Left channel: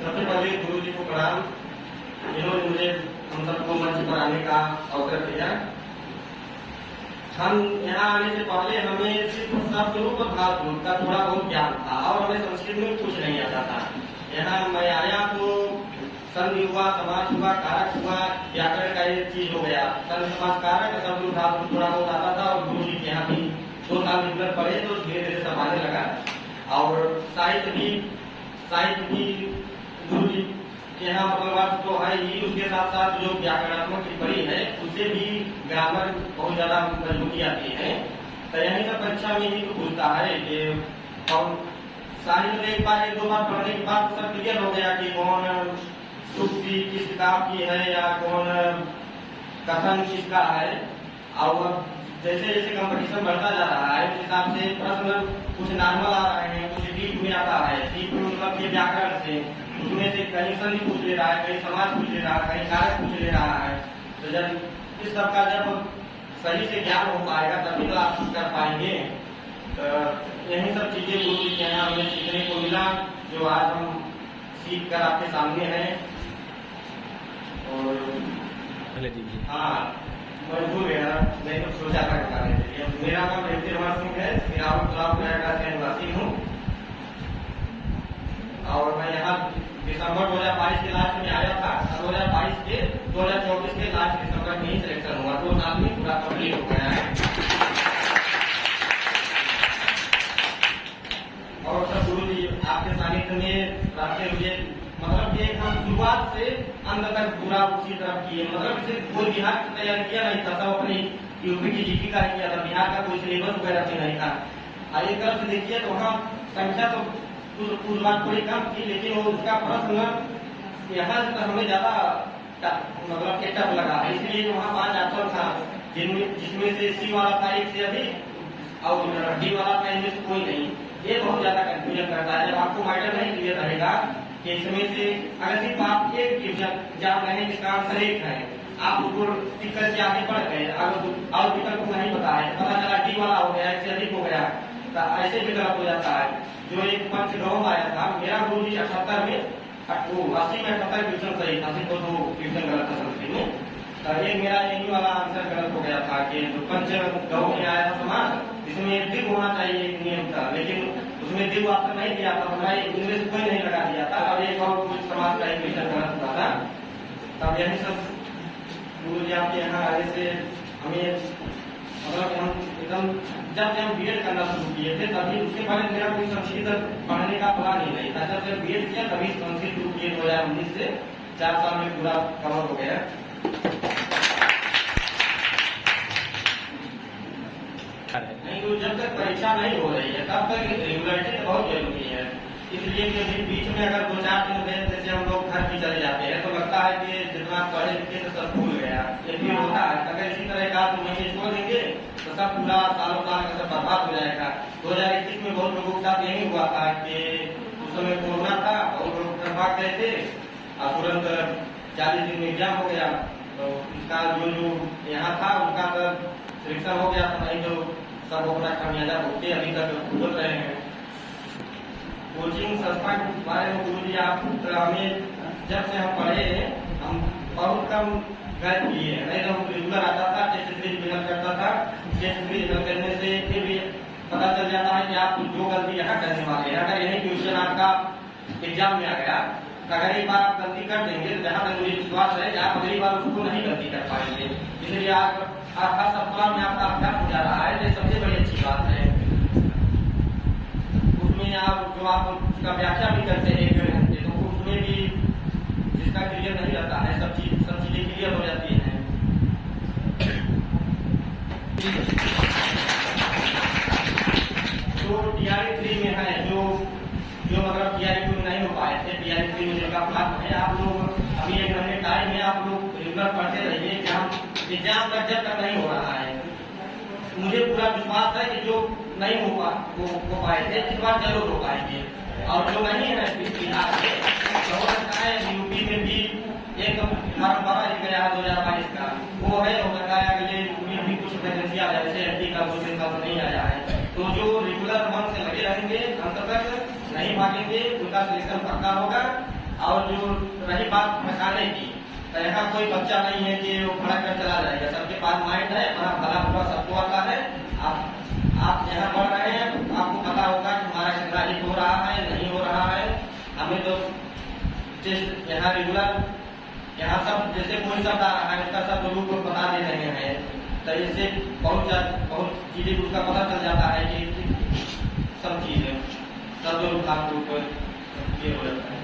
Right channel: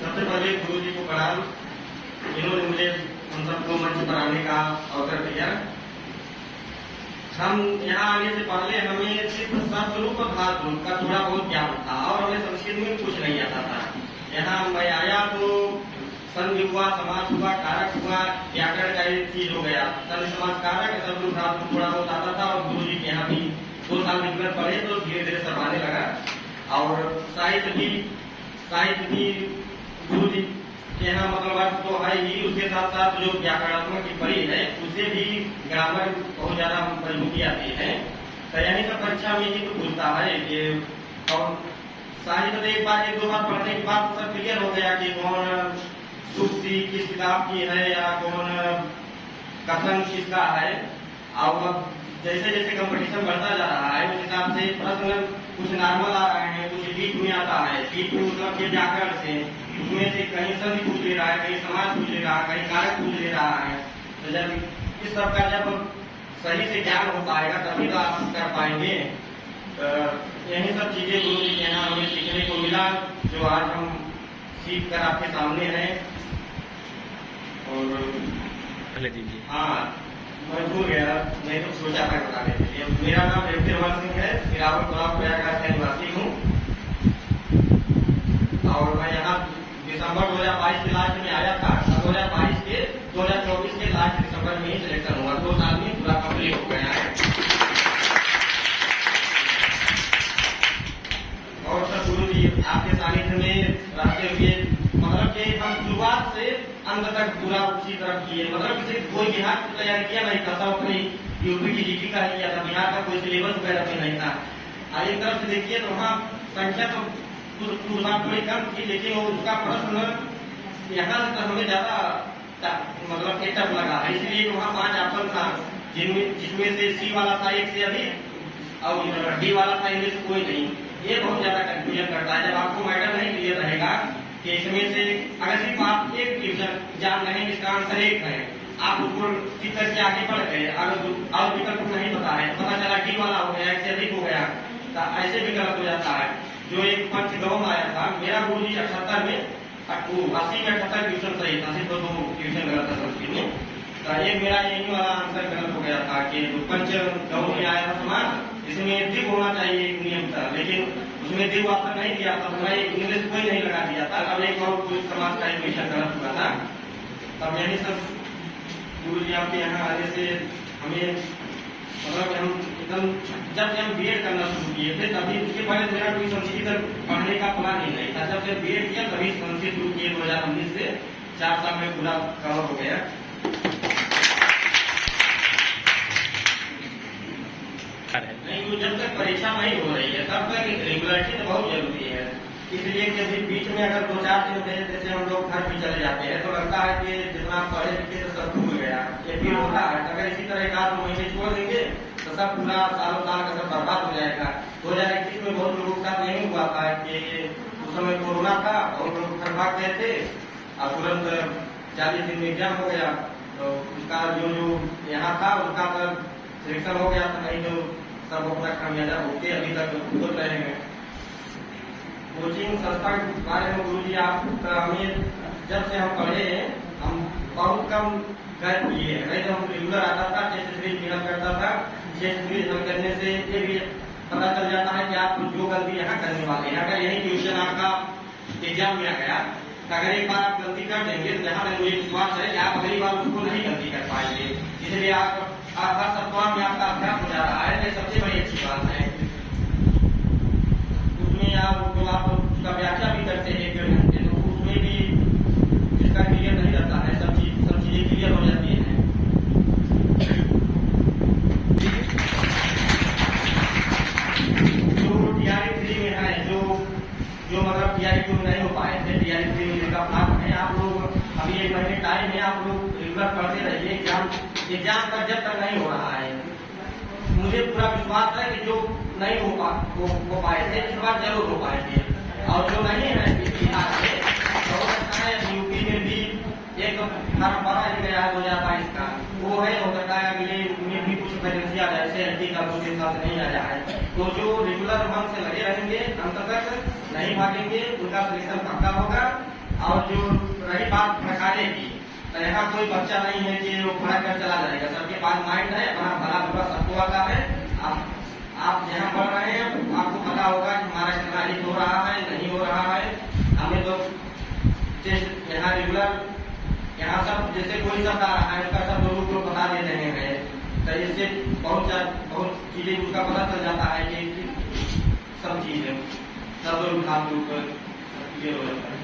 सबसे पहले गुरु जी को प्रणाम। इन्होंने मुझे हम सबको मंच पर आने का अवसर दिया। हम यहाँ आने से पहले हमें सिर्फ शब्दरूप और भाषरूप का थोड़ा बहुत ज्ञान था और हमें संस्कृत में कुछ नहीं आता था। यहाँ मैं आया तो संधि हुआ, समास हुआ, कारक हुआ, व्याकरण का एक चीज हो गया। संधि समास कारक शब्दरूप धातु थोड़ा बहुत आता था और गुरु जी के यहाँ भी 2 साल रेगुलर पढ़े तो धीरे धीरे सब आने लगा। और साहित्य भी गुरु जी के यहाँ मतलब अर्थ तो है ही, उसके साथ साथ जो व्याकरणात्मक टिप्पणी है उससे भी ग्रामर बहुत ज्यादा मजबूती आती है। तो यही सब परीक्षा में ही तो पूछता है कि और साहित्य एक बार 1-2 बार पढ़ने के बाद सब क्लियर हो गया कि कौन सूक्ति किस किताब की है या कौन कथन किसका है। और अब जैसे जैसे कंपटीशन बढ़ता जा रहा है उस हिसाब से प्रश्न कुछ नॉर्मल आ रहे हैं, कुछ डीप में आता है। डीप में मतलब के व्याकरण से उसमें से कहीं संधि पूछ ले रहा है, कहीं समास पूछ ले रहा है, कहीं कारक पूछ ले रहा है। तो जब इस सब का जब सही से ज्ञान हो पाएगा तभी तो आप कर पाएंगे। तो यही सब चीजें गुरु जी के यहाँ हमें सीखने को मिला जो आज हम सीख कर आपके सामने हैं। और हाँ मैं भूल गया, मैं तो सोचा था बताने के लिए। मेरा नाम व्यक्ति रमन सिंह है, गिरावट ब्लॉक प्रयागराज का निवासी हूँ और मैं यहाँ दिसंबर 2022 के लास्ट में आया था। 2022 के 2024 के लास्ट दिसंबर में ही सिलेक्शन हुआ, 2 साल में पूरा कंप्लीट हो गया है। और सब गुरु जी आपके सानिध्य में रहते हुए मतलब कि हम शुरुआत से अंत तक पूरा उसी तरह किए। मतलब सिर्फ कोई बिहार की तैयारी किया नहीं था, सब अपनी यूपी की जीटी का किया था। बिहार का कोई सिलेबस वगैरह भी नहीं था। एक तरफ से देखिए तो वहाँ संख्या तो उस बार थोड़ी कम थी, लेकिन वो उसका प्रश्न यहाँ से हमें ज्यादा मतलब टफ लगा है। इसलिए वहाँ 5 ऑप्शन था जिसमें से सी वाला था 1 से अधिक और डी वाला था इनमें से कोई नहीं। ये बहुत ज्यादा कंफ्यूजन करता है जब आपको मैटर नहीं क्लियर रहेगा कि इसमें से अगर सिर्फ आप एक डिवीजन जान रहे हैं इसका आंसर 1 है, आप उसको टिक करके आगे बढ़ गए। अगर और विकल्प नहीं पता है, पता चला डी वाला हो गया, 1 से अधिक हो गया, तो ऐसे भी गलत हो जाता है। जो एक पंचगव आया था, मेरा गुरु जी 78 में 80 में 78 ट्यूशन सही था, सिर्फ 2 ट्यूशन गलत था संस्कृत में। तो एक मेरा यही वाला आंसर गलत हो गया था कि जो पंचगव में आया था समाज इसमें दिग होना चाहिए एक नियम था, लेकिन उसमें दिग ऑप्शन नहीं दिया था, मैं इंग्लिश कोई नहीं लगा दिया था। अब एक और समाज का क्वेश्चन गलत हुआ था। तब यही सब गुरु जी आपके यहाँ आने से हमें मतलब हम एकदम जब से हम बीएड करना शुरू किए थे तभी, उसके पहले मेरा कोई संस्कृत पढ़ने का प्लान ही नहीं था। जब से बीएड किया तभी संस्कृत शुरू किए 2019 से 4 साल में पूरा कवर हो गया। नहीं वो जब तक परीक्षा नहीं हो रही है तब तक रेगुलरिटी तो बहुत जरूरी है। इसलिए कि बीच में अगर 2-4 दिन में जैसे हम लोग घर भी चले जाते हैं तो लगता है कि जितना पढ़े लिखे तो सब भूल गया, ये भी होता है। अगर इसी तरह 1-2 महीने छोड़ देंगे तो सब पूरा सालों साल का सब बर्बाद हो जाएगा। 2021 में बहुत लोगों के साथ यही हुआ था कि उस समय कोरोना था, बहुत लोग घर भाग गए थे और तुरंत 40 दिन में एग्जाम हो गया। तो उसका जो यहाँ था उसका पर सिलेक्शन हो गया था, नहीं तो सब अपना खामियाजा होके अभी तक बोल रहे हैं। कोचिंग संस्था के बारे में गुरु जी आप हमें जब से हम पढ़े हम बहुत कम गए किए, नहीं तो हम रेगुलर आता था, टेस्ट सीरीज मिलन करता था। टेस्ट सीरीज हल करने से ये भी पता चल जाता है कि आप जो गलती यहाँ करने वाले हैं। अगर यही क्वेश्चन आपका एग्जाम में आ गया तो अगर एक बार आप गलती कर देंगे तो जहाँ तक मुझे विश्वास है कि आप अगली बार उसको नहीं गलती कर पाएंगे। इसलिए आप हर सप्ताह में आपका अभ्यास हो जा रहा है, ये सबसे बड़ी अच्छी बात है। उसमें आप जो आप उसका व्याख्या भी करते हैं 1-1.5 घंटे, तो उसमें भी जिसका क्लियर नहीं रहता है सब चीजें क्लियर हो जाती हैं। जो TRE-3 में है, जो मतलब TRE-2 में नहीं हो पाए थे, TRE-3 में जिनका प्लान है, आप लोग अभी 1 महीने टाइम है, आप लोग रेगुलर पढ़ते रहिए। एग्जाम तक जब तक नहीं हो रहा है, मुझे पूरा विश्वास है कि जो नहीं हो पाए थे इस बार जरूर हो पाएंगे। और जो नहीं है बिहार से तो हो सकता है यूपी में भी एक फॉर्म भरा ही गया है 2022 का, वो है, हो सकता है अगले में भी कुछ वैकेंसी आ जाए, जैसे एमपी का 2-3 साल से नहीं आया है। तो जो रेगुलर मन से लगे रहेंगे अंत तक नहीं भागेंगे उनका सिलेक्शन पक्का होगा। और जो रही बात पढ़ाने की, तो यहाँ कोई बच्चा नहीं है कि वो पढ़ कर चला जाएगा। सबके पास माइंड है, अपना भला बुरा सबको आता है। आप यहाँ पढ़ रहे हैं, आपको पता होगा कि हमारा कितना हित हो रहा है, नहीं हो रहा है। हमें तो यहाँ रेगुलर यहाँ सब जैसे कोई शब्द आ रहा है उसका शब्द रूप को बता दे रहे हैं, तो इससे बहुत चीजें उसका पता चल जाता है कि सब चीजें शब्द रूप ये हो जाता है।